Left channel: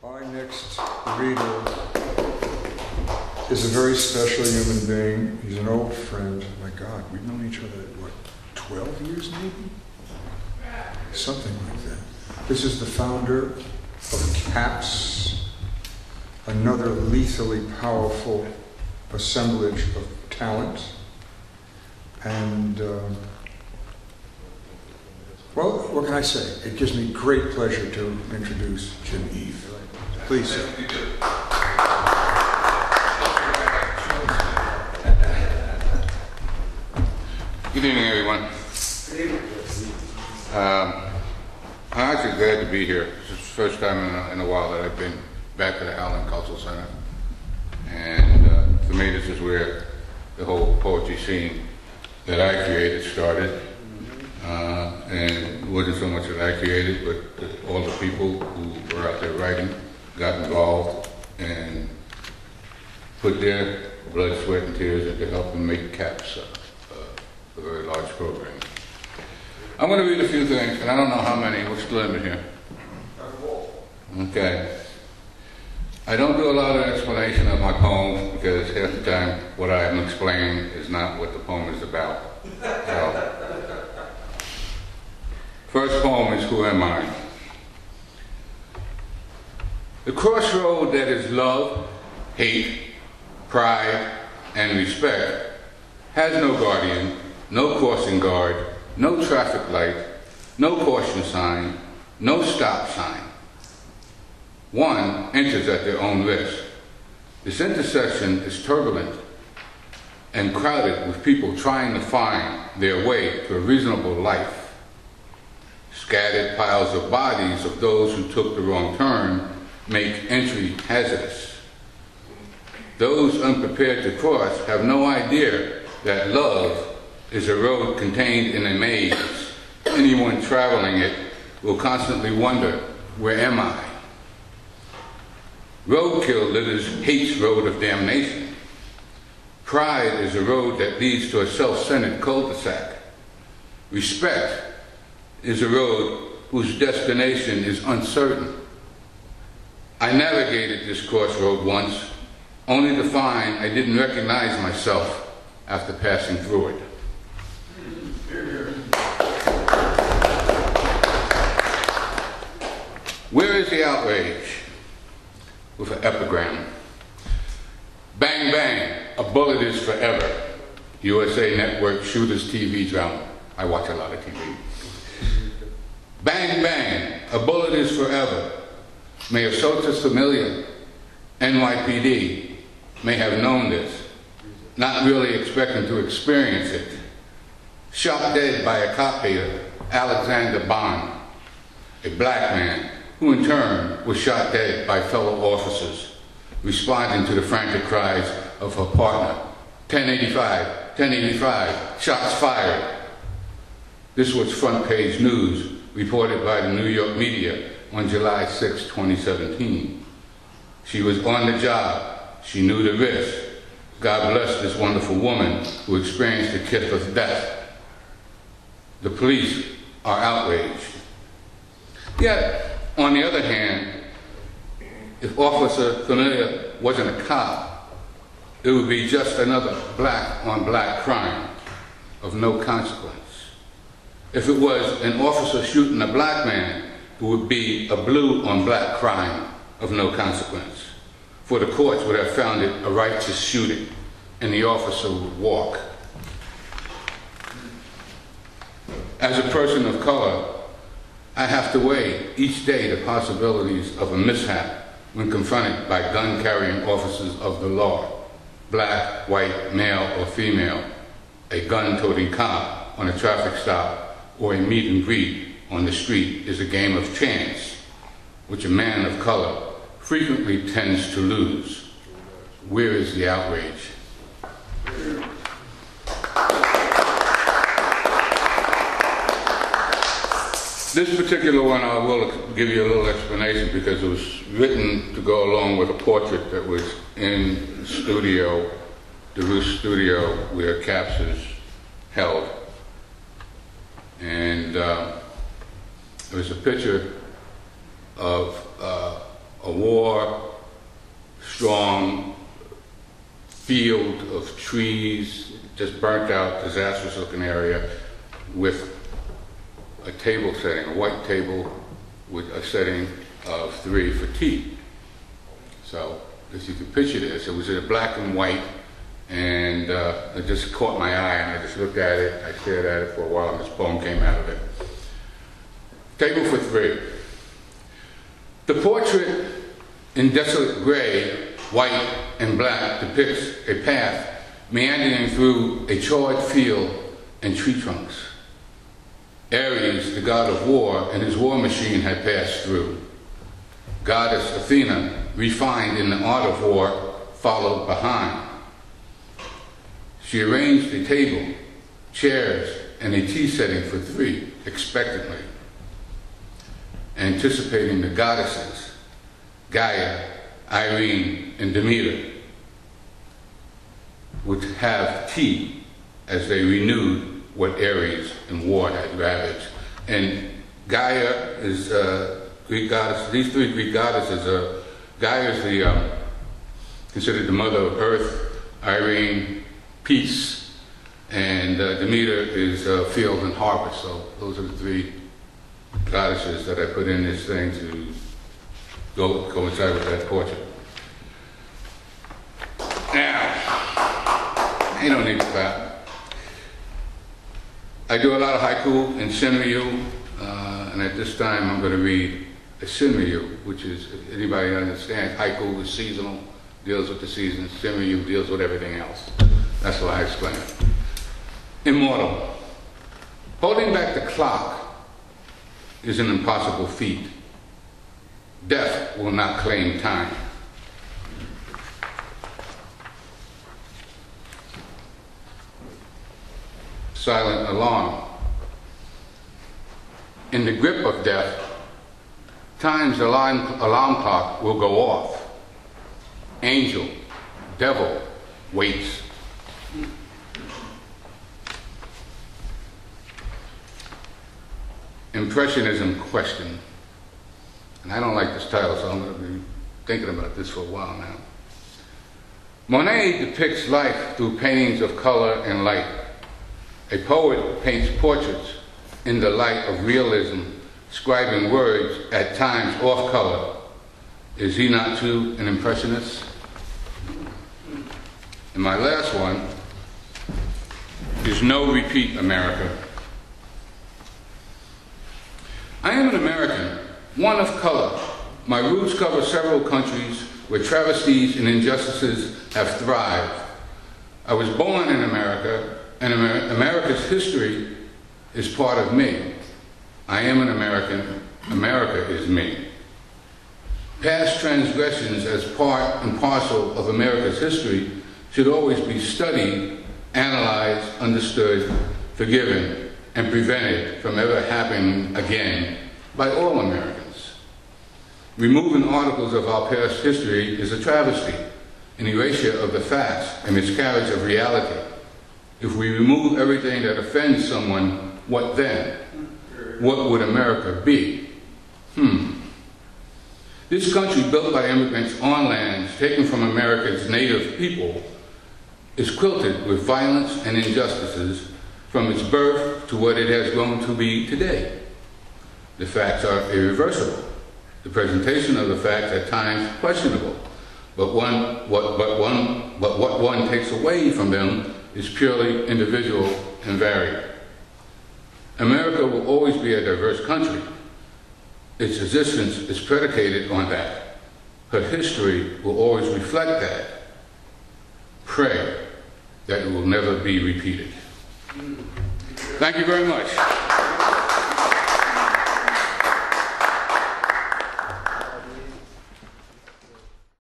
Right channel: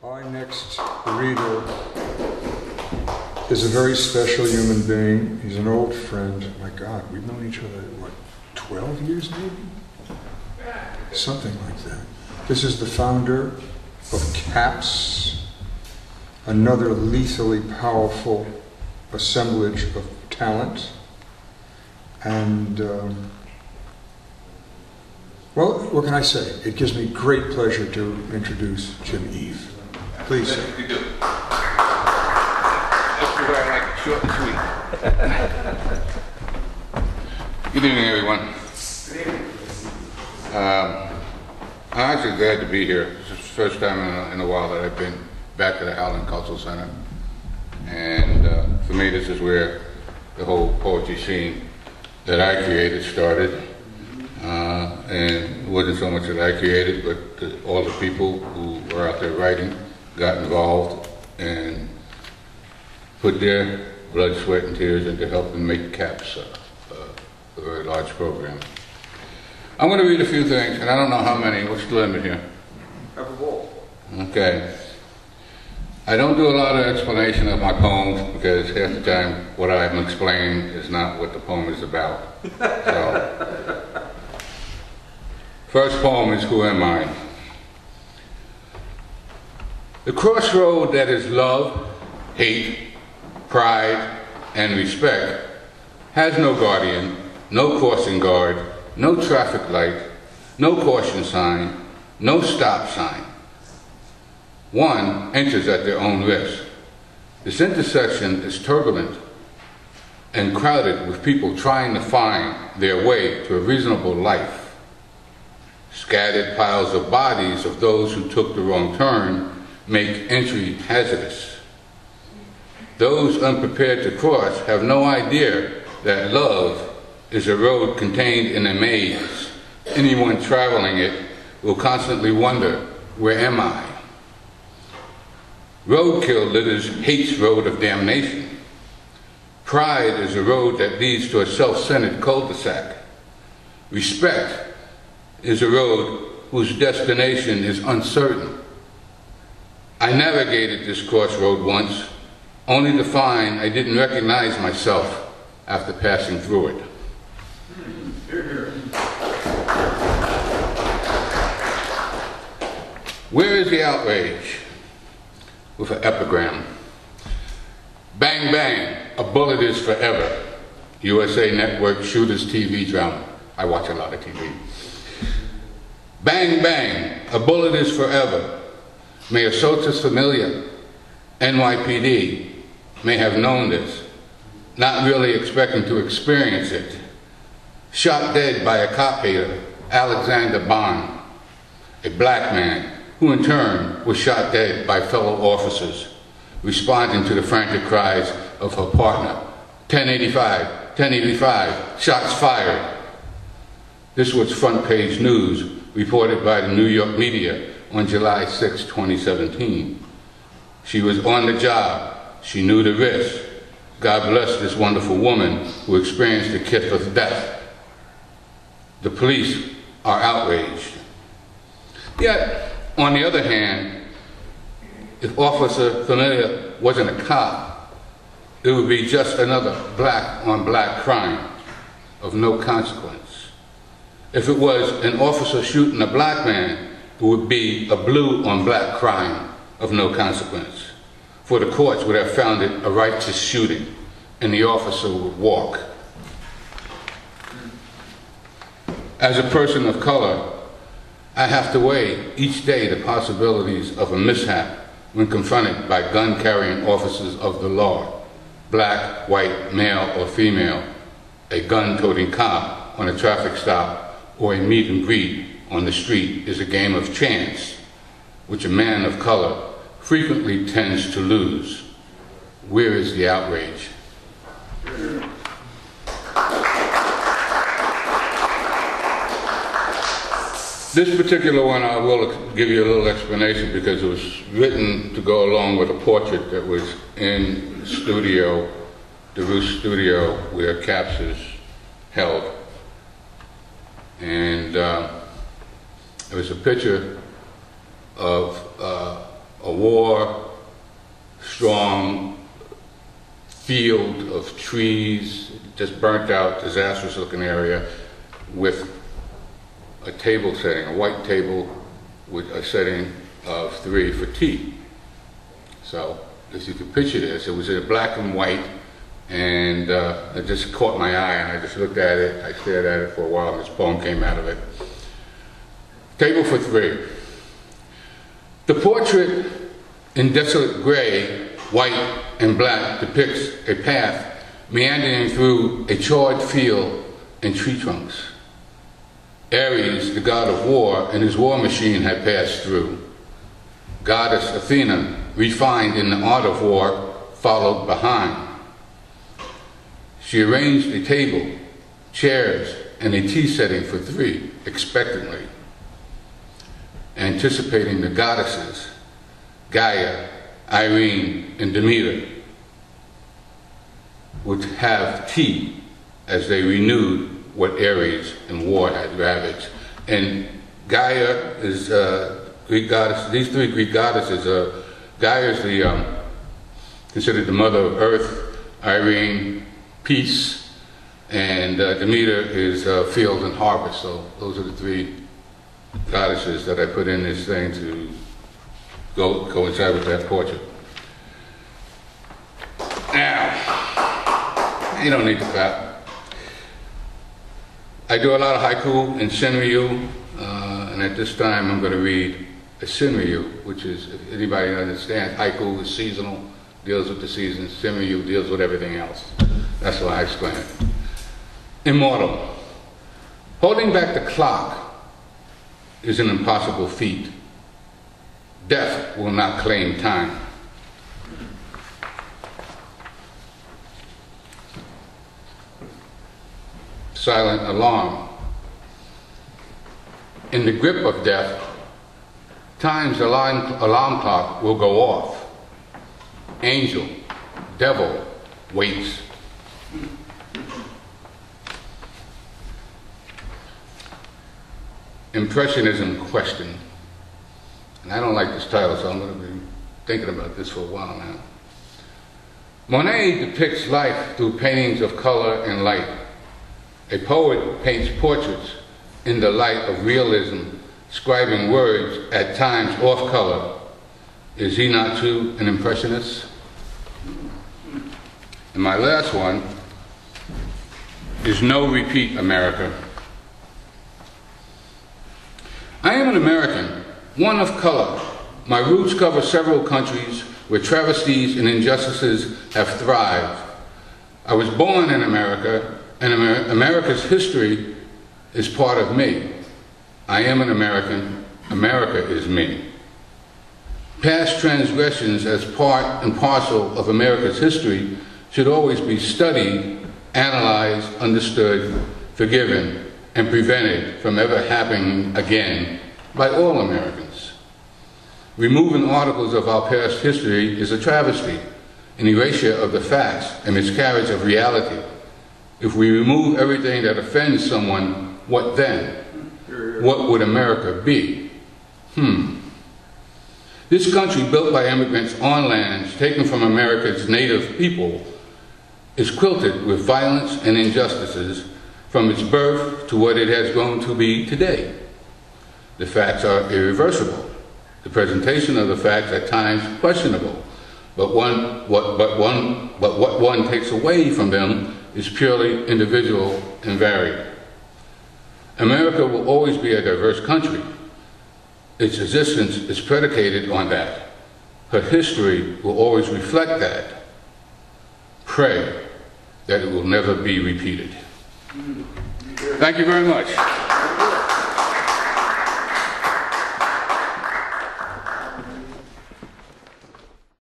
Our next reader is a very special human being. He's an old friend. My God, we've known each other, what, 12 years maybe? Something like that. This is the founder of CAPS, another lethally powerful assemblage of talent. And, well, what can I say? It gives me great pleasure to introduce Jim Eve. Please, sir. You do. Short and sweet. Good evening, everyone. Good evening. I'm actually glad to be here. This is the first time in a while that I've been back to the Howland Cultural Center. And for me, this is where the whole poetry scene that I created started. And it wasn't so much that I created, but all the people who were out there writing got involved and put their blood, sweat, and tears into helping make CAPS a very large program. I'm going to read a few things, and I don't know how many. What's the limit here? Okay. I don't do a lot of explanation of my poems because half the time what I'm explaining is not what the poem is about. So, first poem is Who Am I? The crossroad that is love, hate, pride, and respect has no guardian, no crossing guard, no traffic light, no caution sign, no stop sign. One enters at their own risk. This intersection is turbulent and crowded with people trying to find their way to a reasonable life. Scattered piles of bodies of those who took the wrong turn make entry hazardous. Those unprepared to cross have no idea that love is a road contained in a maze. Anyone traveling it will constantly wonder, where am I? Roadkill litters hate's road of damnation. Pride is a road that leads to a self-centered cul-de-sac. Respect is a road whose destination is uncertain. I navigated this crossroad once, only to find I didn't recognize myself after passing through it. Where is the outrage? With an epigram. Bang, bang, a bullet is forever. USA Network Shooters TV drama. I watch a lot of TV. Bang, bang, a bullet is forever. May Asotus Familia, NYPD, may have known this, not really expecting to experience it. Shot dead by a cop hater, Alexander Bond, a black man, who in turn was shot dead by fellow officers, responding to the frantic cries of her partner. 1085, 1085, shots fired. This was front page news reported by the New York media on July 6, 2017. She was on the job. She knew the risk. God bless this wonderful woman who experienced the kiss of death. The police are outraged. Yet, on the other hand, if Officer Familia wasn't a cop, it would be just another black on black crime of no consequence. If it was an officer shooting a black man, it would be a blue on black crime of no consequence. For the courts would have found it a righteous shooting and the officer would walk. As a person of color, I have to weigh each day the possibilities of a mishap when confronted by gun-carrying officers of the law, black, white, male, or female, a gun-toting cop on a traffic stop, or a meet and greet on the street is a game of chance, which a man of color frequently tends to lose. Where is the outrage? This particular one I will give you a little explanation because it was written to go along with a portrait that was in the studio, the Roost studio where CAPS is held. And it was a picture of a war, strong field of trees, just burnt out, disastrous looking area with a table setting, a white table with a setting of 3 for tea. So, as you can picture this, it was in black and white, and it just caught my eye, and I just looked at it, I stared at it for a while, and this poem came out of it. Table for 3. The portrait in desolate gray, white, and black depicts a path meandering through a charred field and tree trunks. Ares, the god of war, and his war machine had passed through. Goddess Athena, refined in the art of war, followed behind. She arranged a table, chairs, and a tea setting for 3, expectantly, anticipating the goddesses, Gaia, Irene, and Demeter, would have tea as they renewed what Ares and war had ravaged. And Gaia is Greek goddess. These 3 Greek goddesses are, Gaia is considered the mother of earth, Irene, peace, and Demeter is field and harvest. So those are the 3 goddesses that I put in this thing to go inside with that portrait. Now, you don't need to clap. I do a lot of haiku and senryu, and at this time I'm going to read a senryu, which is, if anybody understands, haiku is seasonal, deals with the seasons, senryu deals with everything else. That's why I explain it. Immortal. Holding back the clock is an impossible feat. Death will not claim time. Silent alarm. In the grip of death, time's alarm clock will go off. Angel, devil, waits. Impressionism question. And I don't like this title, so I'm going to be thinking about this for a while now. Monet depicts life through paintings of color and light. A poet paints portraits in the light of realism, scribing words at times off color. Is he not too an impressionist? And my last one is No Repeat America. I am an American, one of color. My roots cover several countries where travesties and injustices have thrived. I was born in America, and America's history is part of me. I am an American. America is me. Past transgressions as part and parcel of America's history should always be studied, analyzed, understood, forgiven, and prevented from ever happening again by all Americans. Removing articles of our past history is a travesty, an erasure of the facts, a miscarriage of reality. If we remove everything that offends someone, what then? What would America be? This country, built by immigrants on lands taken from America's native people, is quilted with violence and injustices from its birth to what it has grown to be today. The facts are irreversible. The presentation of the facts at times questionable, but what one takes away from them is purely individual and varied. America will always be a diverse country. Its existence is predicated on that. Her history will always reflect that. Pray that it will never be repeated. Thank you very much.